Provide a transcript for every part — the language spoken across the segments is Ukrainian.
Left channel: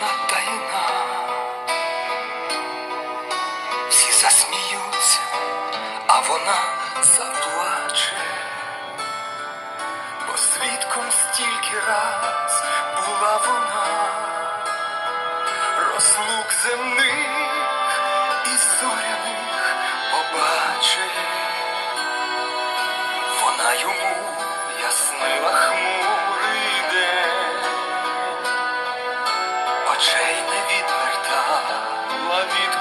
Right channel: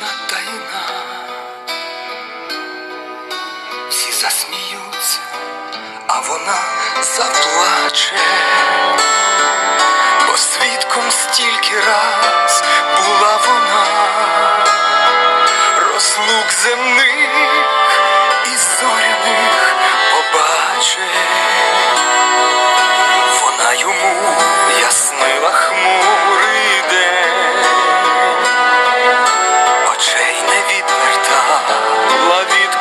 кожна тайна, всі засміються, а вона заплаче, бо свідком стільки раз була вона, розлук земних і зоря. Відвертала від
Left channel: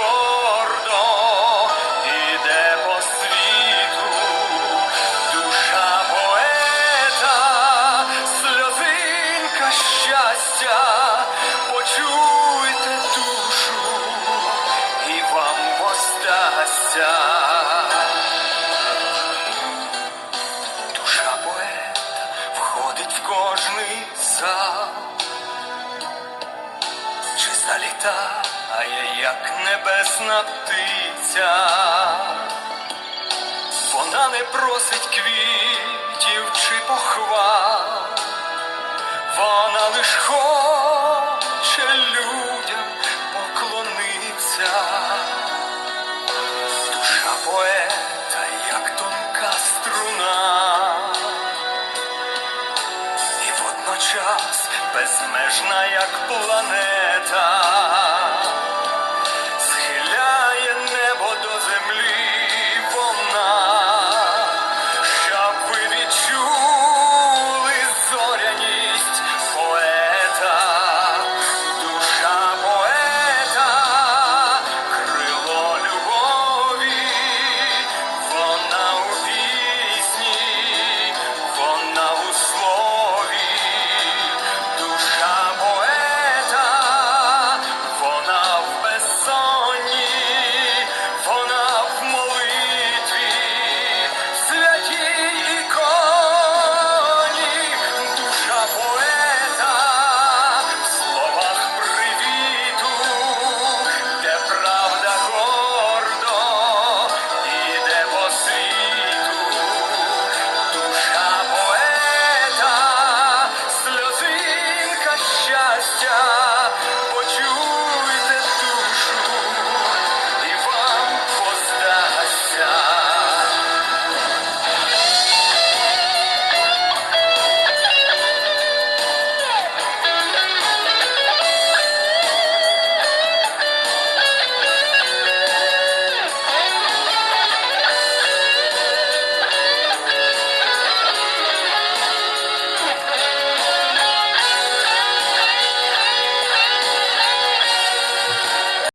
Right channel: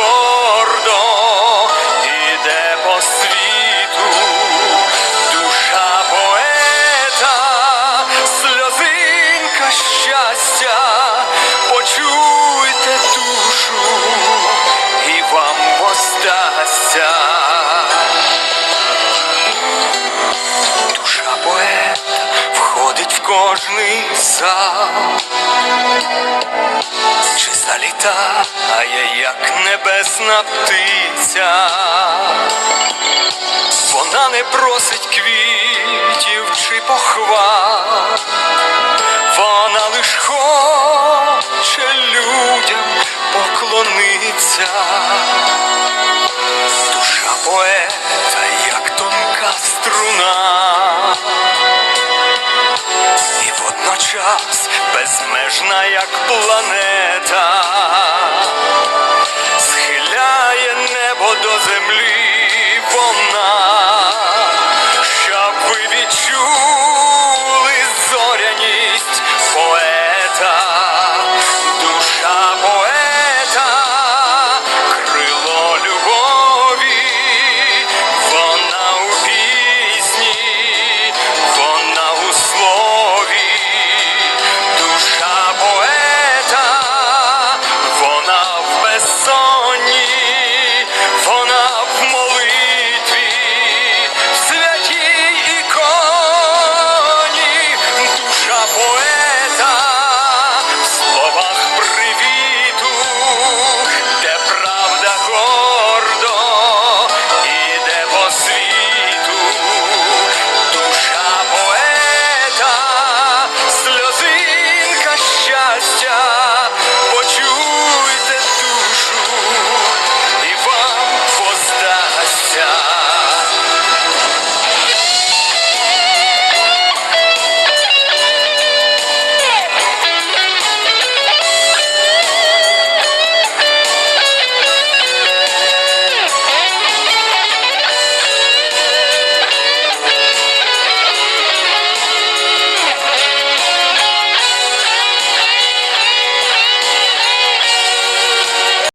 гордо іде по світу, душа поета, сльозинка щастя, почуйте душу, і вам воздасться. Душа поета входить в кожний зал, чи залітає, як небесна птиця. Вона не просить квітів чи похвал, вона лиш хоче людям поклониться. Водночас безмежна, як планета.